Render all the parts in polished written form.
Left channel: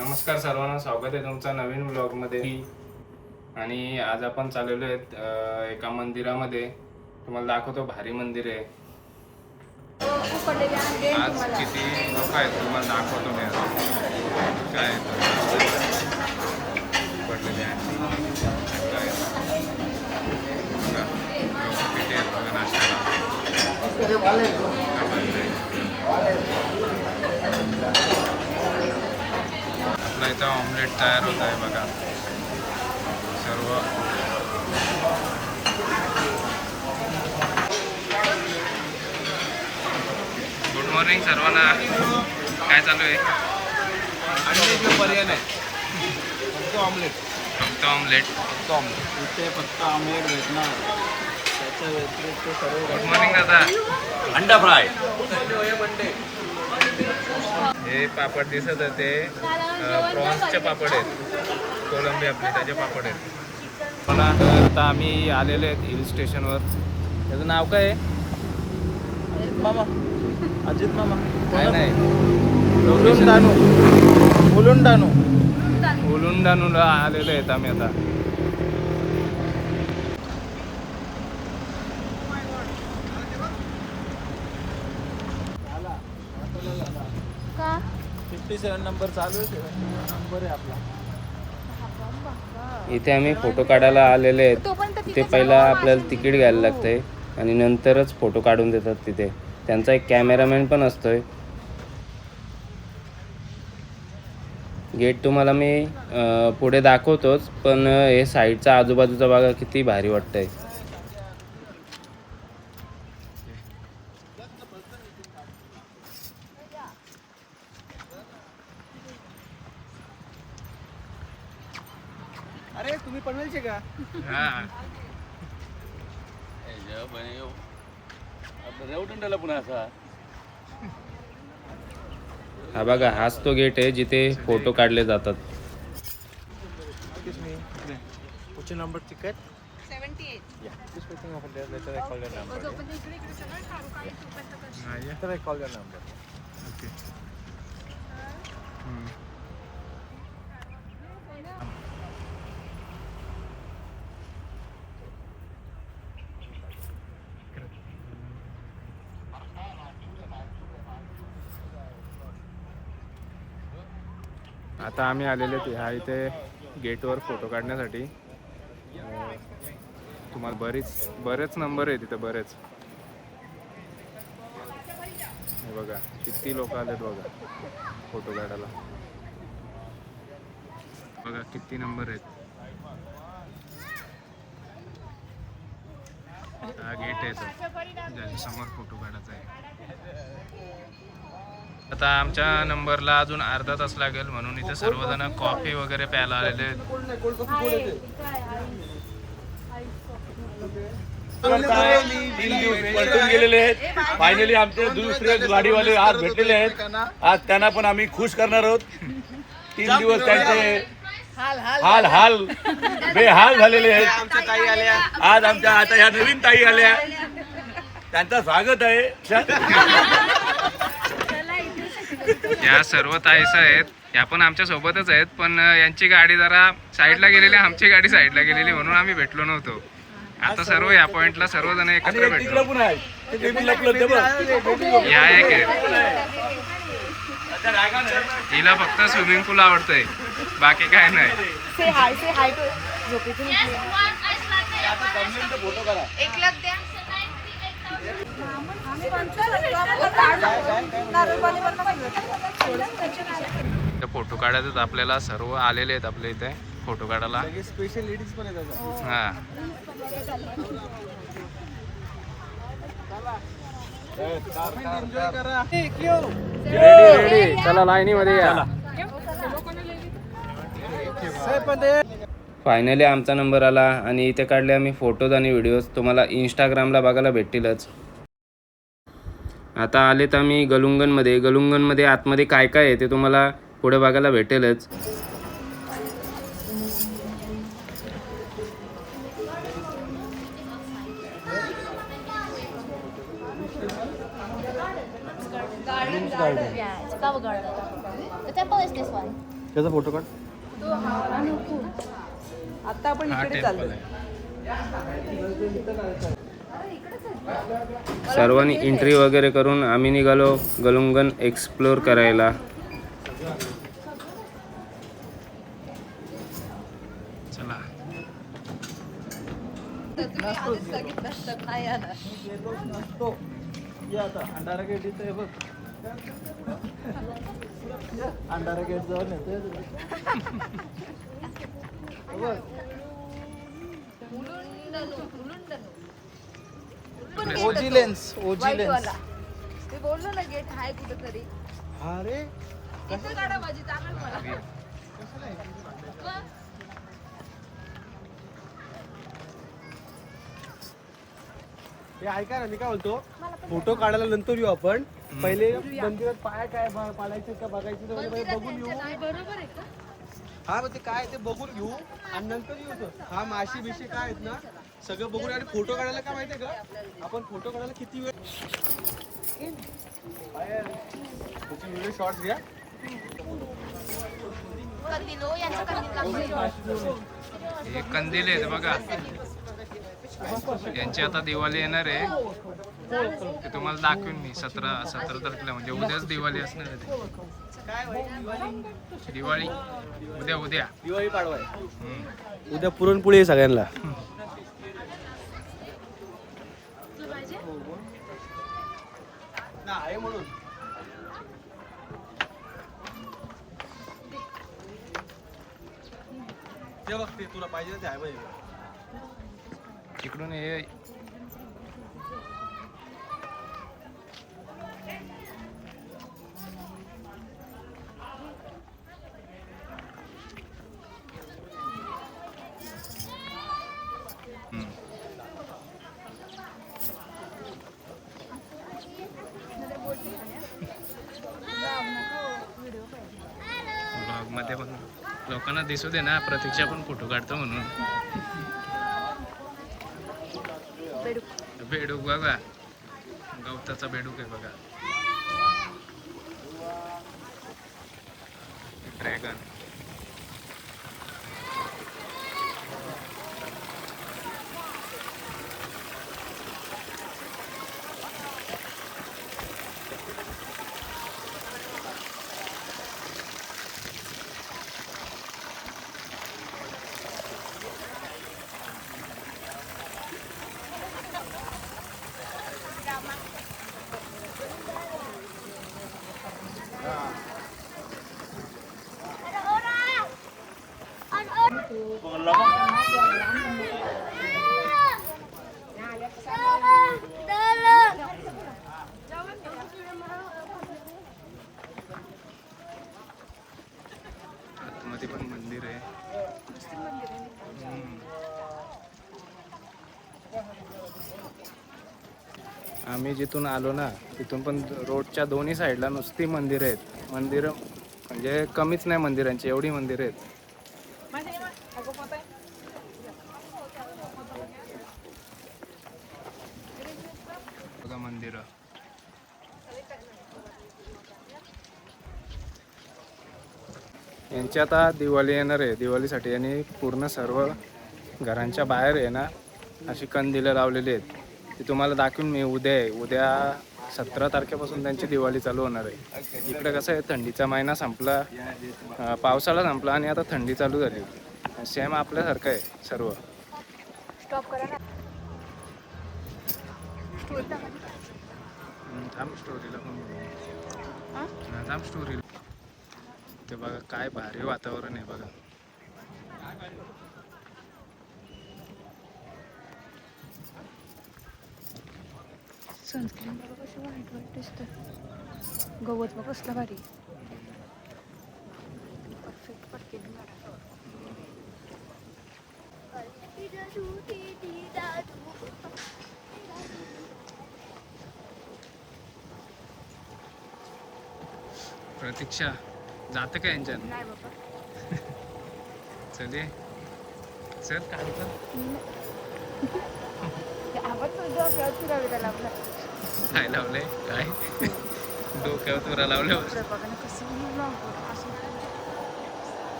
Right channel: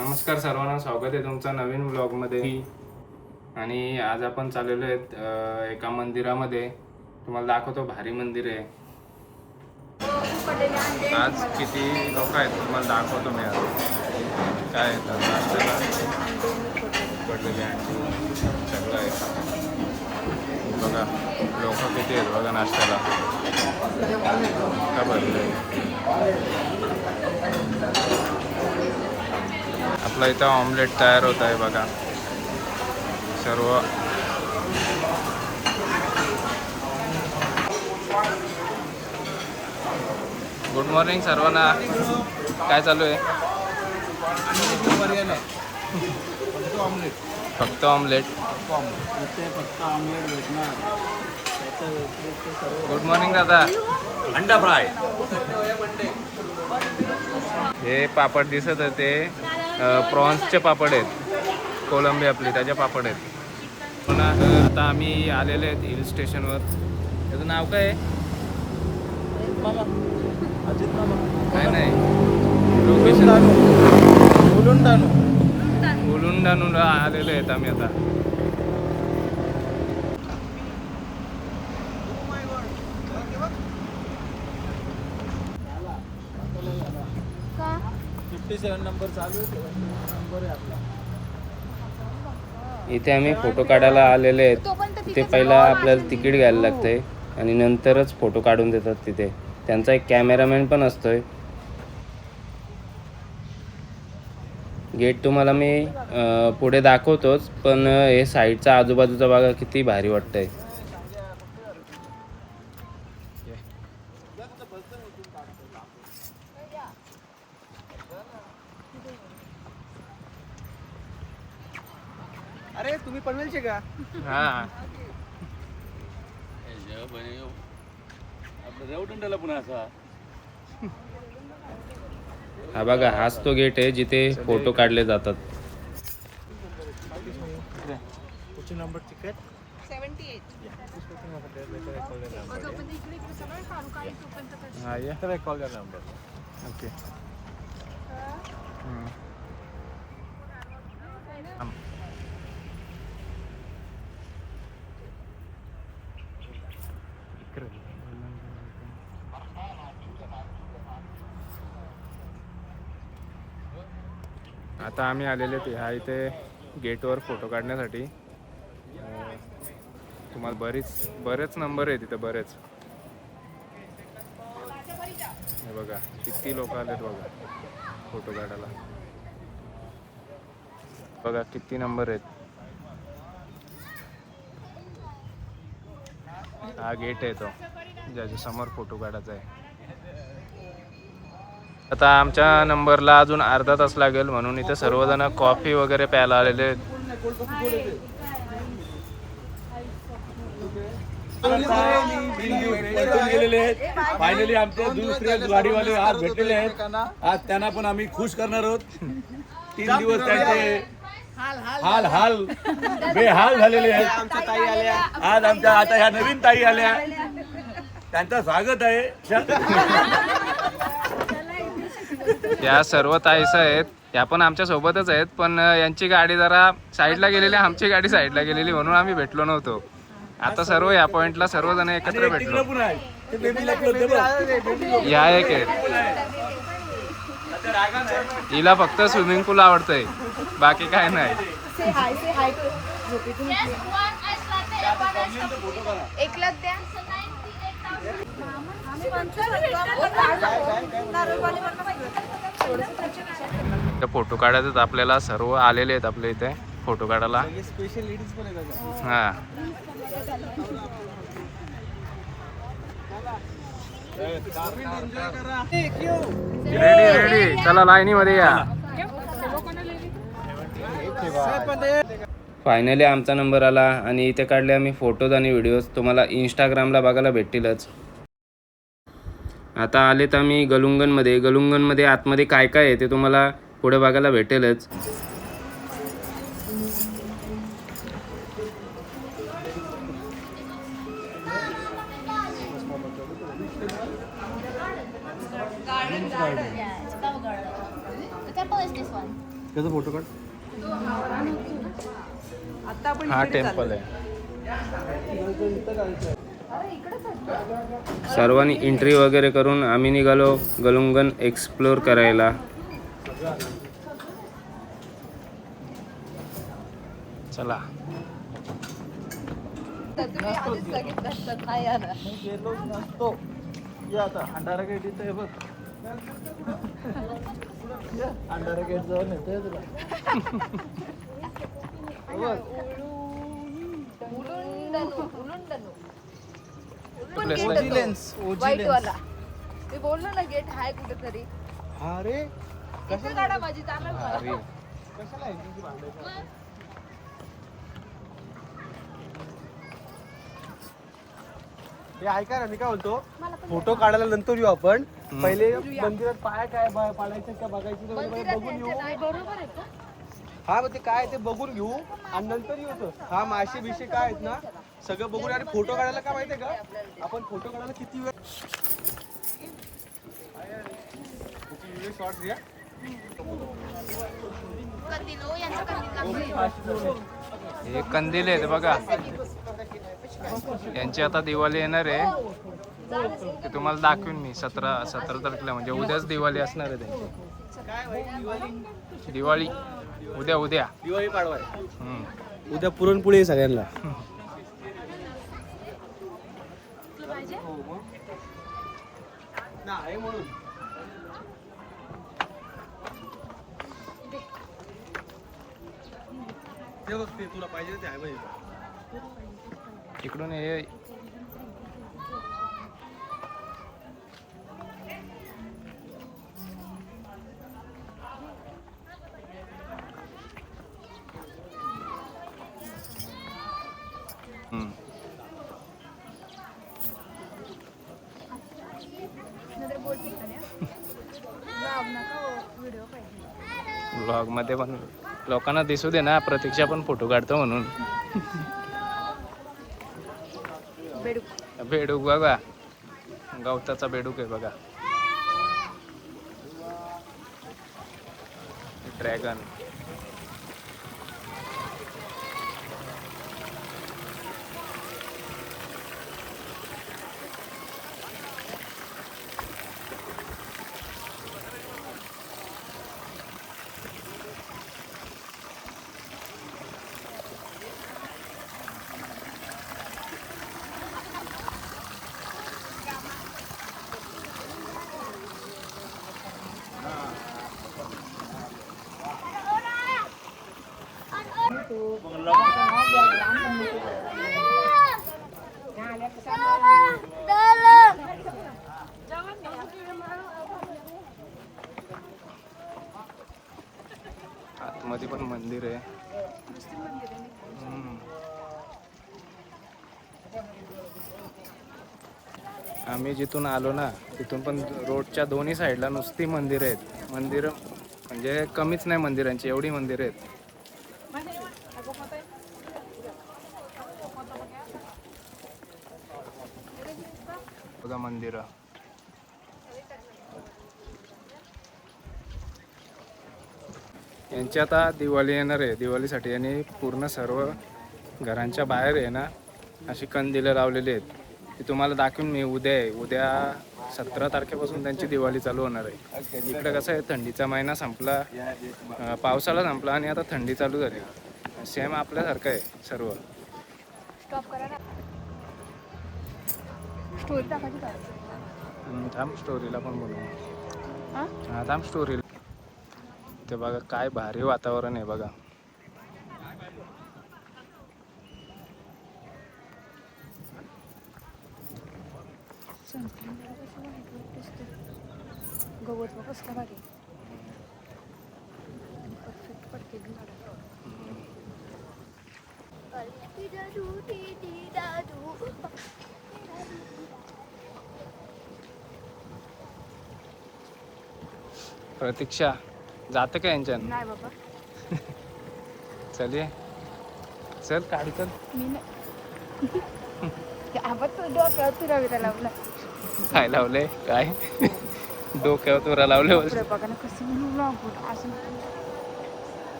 नमस्कार सर्वांना, स्वागत आहे तुमचं नवीन ब्लॉगमध्ये. आणि आज आपण चाललेलो आहेत एका मंदिरामध्ये. तुम्हाला दाखवतो, भारी मंदिर आहे. आज किती लोक आहेत तुम्हाला दाखवतो मी. आज काय येतात नाश्त्याला पडलेले आणखी सगळं आहे बघा. लोक किती आहेत बघा नाश्त्याला. का भरलं आपलं इथं ऑमलेट तयार होत आहे बघा. सर्व गुड मॉर्निंग सर्वांना. काय चालू आहे? पर्याय नाही, फक्त ऑमलेट. फक्त ऑमलेट. इथे फक्त ऑमलेट भेटणार. त्याच्या व्यतिरिक्त सर्व. गुड मॉर्निंग दादा. अंडा फ्राय. हे पापड दिसत होते, प्रॉन्सचे पापड आहेत. कोलंबी आपली त्याचे पापड आहेत. हो ना. तर आता आम्ही आलेले आहेत हिल स्टेशनवर. त्याचं नाव काय आहे? काय नाही, लोकेशन उलुंडानूला आलेले आहेत आम्ही आता. का 57 नंबर चालू आहे. 71 नंबर आहे आपला. इथे आम्ही फोटो काढायला आलेले आहेत. तिथे पहिला आपल्याला तिकीट घ्यायला लागतंय आणि नंतरच फोटो काढून देतात तिथे. त्यांचा एक कॅमेरामॅन पण असतोय. गेट तुम्हाला मी पुढे दाखवतोच, पण हे साईडचा आजूबाजूचा भाग किती भारी वाटतंय. अरे तुम्ही पनवेलचे का? हा, हा बघा, हाच तो गेट आहे जिथे फोटो काढले जातात. कुठचे नंबर तिकीट? 78. ओके. आता आम्ही आलेले ते ह्या इथे गेटवर फोटो काढण्यासाठी. तुम्हाला बरेच नंबर आहे तिथे, बरेच. हे बघा किती लोक आलेत बघा फोटो काढायला. बघा किती नंबर आहेत. हा गेट आहे तो ज्याच्या समोर फोटो काढायचा आहे. आता आमच्या नंबरला अजून अर्धा तास लागेल, म्हणून इथे सर्वजण कॉफी वगैरे प्यायला आलेले आहेत. गेलेले आहेत. फायनली आमचे दुसरे गाडीवाले आज भेटलेले आहेत. आज त्यांना पण आम्ही खुश करणार आहोत. 3 दिवस त्यांचे हाल बेहाल झालेले आहेत. आज आमच्या आता ह्या नवीन ताई आल्या, त्यांचं स्वागत आहे. या सर्व ताईस आहेत, या पण आमच्या सोबतच आहेत, पण यांची गाडी जरा साईडला गेलेली, आमची गाडी साईडला गेलेली, म्हणून आम्ही भेटलो नव्हतो. आता सर्व या पॉइंटला सर्वजण एकत्र भेटलो. या एक आहे, हिला फक्त स्विमिंग पूल आवडतंय, बाकी काय नाही. फोटो काढायचं आपल्याला. सर्व आलेले आहेत आपल्या इथे फोटो काढायला. स्पेशल लेडीज पण येतात. हा, रेडी. चला लाईनीमध्ये या. फायनली आमचा नंबर आला आणि इथे काढले आम्ही फोटोज आणि व्हिडिओज. तुम्हाला इंस्टाग्रामला बघायला भेटतीलच. आता आलेत आम्ही गलुंगनमध्ये. गलुंगनमध्ये आतमध्ये काय काय आहे ते तुम्हाला पुढे बघायला भेटेलच. Yeah, it's Flower Garden. The temple is this one. त्याचा फोटो काढ. हा टेम्पल आहे. सर्वांनी एंट्री वगैरे करून आम्ही निघालो गलुंगन एक्सप्लोर करायला. चला. आता अंधारा गेट इथं आहे बघ. अंधारा गेट जाऊन येतोय तुला बघ. ओजी लेन्स. ते बोललो ना गेट आहे कुठेतरी. अरे इथे काढा माझी चालू. हे ऐका ना, मी काय बोलतो, फोटो काढायला नंतर येऊ आपण. पहिले मंदिरात पाय काय पडायचे तर बघायची ते बघून येऊ. बरोबर आहे का? हा मग ते काय ते बघून घेऊ आणि नंतर येऊ. हा माशी बिशी काय आहेत ना सगळं बघून. आणि फोटो काढायला काय माहितीये का, आपण फोटो काढायला किती वेळ शॉर्ट घ्या. हे कंदील आहेत बघा. यांची आता दिवाळी येणार आहे. ते तुम्हाला दाखवीन मी 17 तारखेला, म्हणजे उद्याच दिवाळी असणार आहे त्यांची. काय भाई दिवाळी उद्या दिवाळी पाडवा आहे. उद्या पुरणपोळी आहे सगळ्यांना. आहे म्हणून ते बघते तुला पाहिजे ते आहे पाहिजे. इकडून हे ब्लॉग मध्ये पण लोकांना दिसू दे ना, प्रतीक्षा पण फोटो काढतो म्हणून. बेडूक बघा, गवताचा बेडूक आहे बघा. ड्रॅगन. आतमध्ये पण मंदिर आहे. आम्ही जिथून आलो ना तिथून पण रोडच्या दोन्ही साईडला नुसती मंदिर आहेत. मंदिर म्हणजे कमीच नाही मंदिरांची, एवढी मंदिर आहेत बघा. मंदिर यांची आता दिवाळी येणार आहे. दिवाळीसाठी यांनी पूर्ण सर्व घरांच्या बाहेर आहे ना अशी कंदिलं लावलेली आहेत. ती तुम्हाला दाखवून मी उद्या आहे. उद्या 17 तारखेपासून त्यांची दिवाळी चालू होणार आहे. इकडे कसं आहे, थंडीचा महिना संपला, पावसाळा संपला आणि आता थंडी चालू झाली. सेम आपल्यासारखं आहे सर्व. थांब स्टोरीला पण बनवू. हा थांब स्टोरीला. ते बघा काय भारी वातावरण आहे बघा. गवत कसलं भारी. प्रतीक्षा जाते का यांच्या? नाही बाबा. चल ये, चल काय कर. काय लावले? काय डोक्यावर तुरा लावले?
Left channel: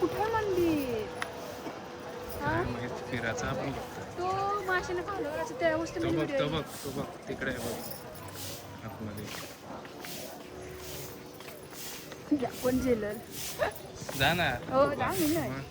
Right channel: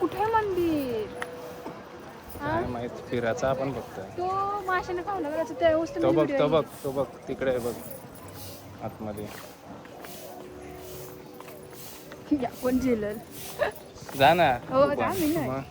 कुठे मंदिर? काय माहित फिरायचा आपण बघतोय. तो माशाने पाहुणे करायचं त्या वस्तू तो बघ तो बघ तो बघ तिकडे बघ आतमध्ये. आपण जेलर. जा ना हो तू जा पण. मी नाही. मग.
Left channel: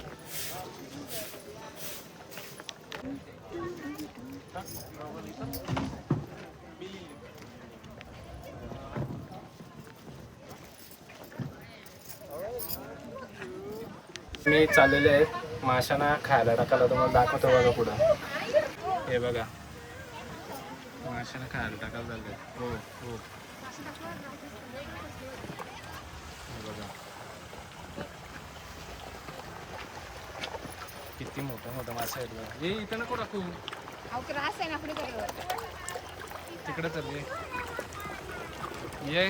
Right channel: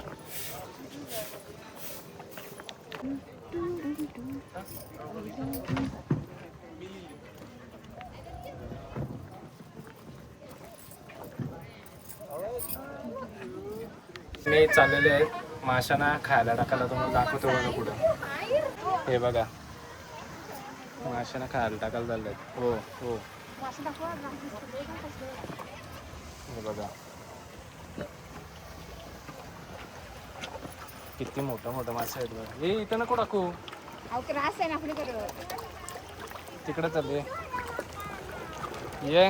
मी चाललेले आहेत माशांना खायला टाकायला. तुम्हाला दाखवतो बघा पुढं. हे बघा माशांना खायला टाकायला चाललंय. हो हो हे बघा किती मोठं मोठं मासे आहेत बघा. हे इथं नको टाकू. अहो त्रास आहे ना आपल्याकडे. तिकडे चालले ये.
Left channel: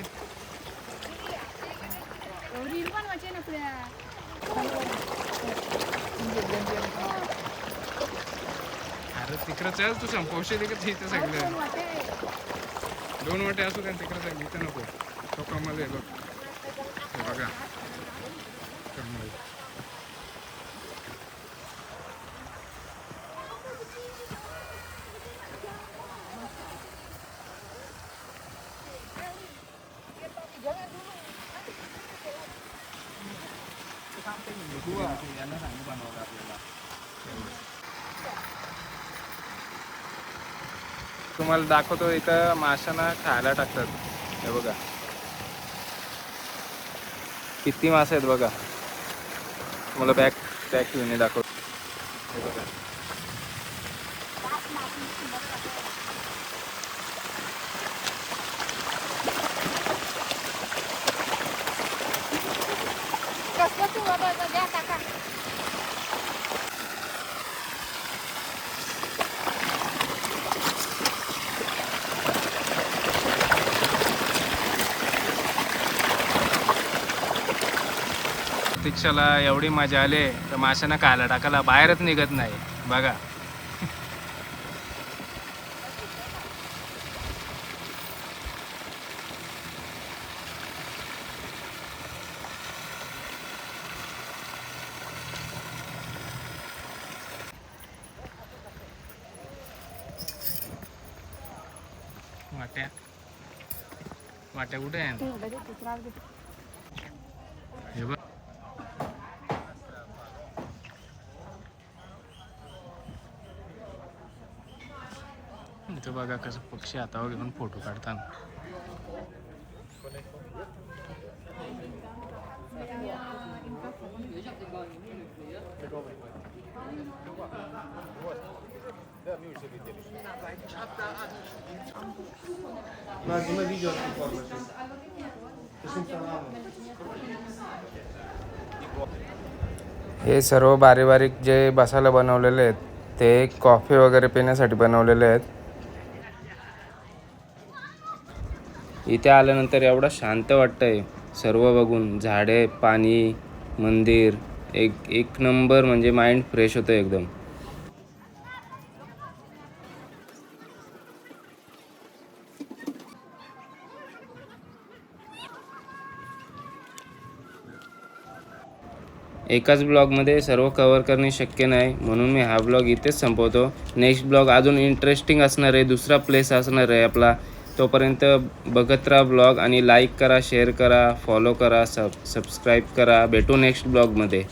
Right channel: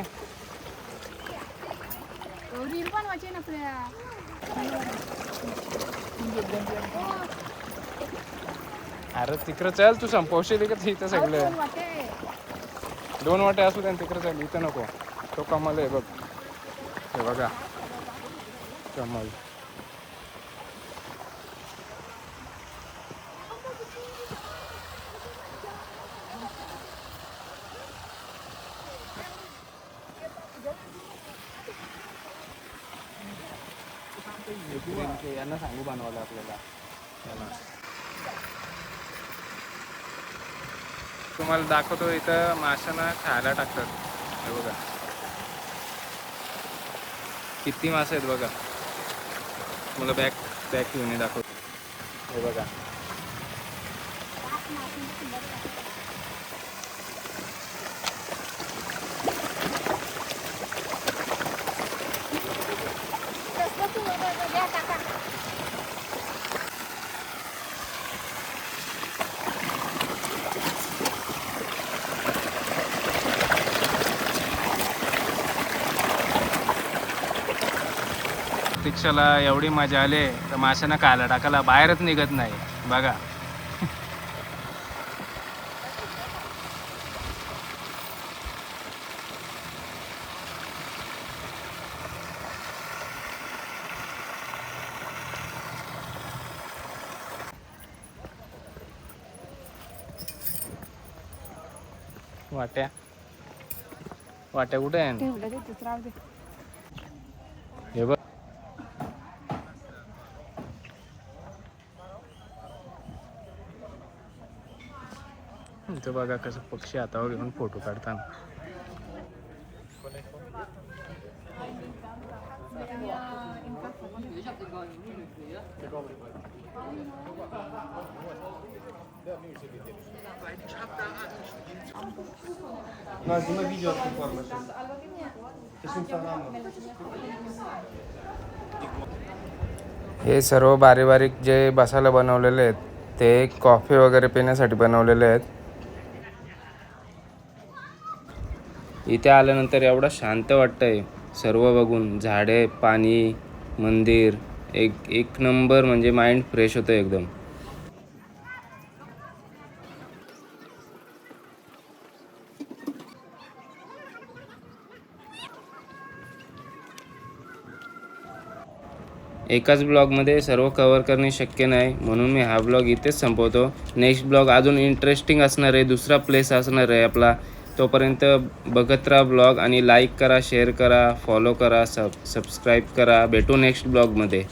रील पण वाचे ना आपल्याला. अरे तिकडे चल तू संपवशील का इथं सगळं. दोन वाटे असू द्या तिकडे चल. इथं नको. तो कमल आहे बघ. हे बघा कमल. यांना सांगू बनवायला आपल्याला. तुम्हाला दाखवतो इथं माशांना खायला टाकतात. हे बघा किती मासे आहेत बघा. मला बॅग घेऊन दाखवतो. हे बघा प्रतीक्षाला एवढी मजा आली तर माशांना खायला टाकायला बाहेरच निघत नाही बघा. वाट्या वाट्या कुठे आहे? हे बघ इथं बघा कसं पक्षी हातावर घेऊन फोटो काढताना. हे सर्व बारीक बारीक जे बसायला बनवलेले आहेत ते कॉफी वगैरे पिण्यासाठी बनवलेले आहेत. इथे आल्यानंतर एवढं शांत वाटतंय सर्व बघून. झाडे, पाणी, मंदिर, एक नंबर. म्हणजे माइंड फ्रेश होतं एकदम. एकाच ब्लॉगमध्ये सर्व कव्हर करणे शक्य नाही म्हणून मी हा ब्लॉग इथेच संपवतो. नेक्स्ट ब्लॉग अजून इंटरेस्टिंग असणार आहे. दुसरा प्लेस असणार आहे आपला. तोपर्यंत बघत राहा ब्लॉग आणि लाईक करा, शेअर करा, फॉलो करा, सबस्क्राईब करा. भेटू नेक्स्ट ब्लॉगमध्ये.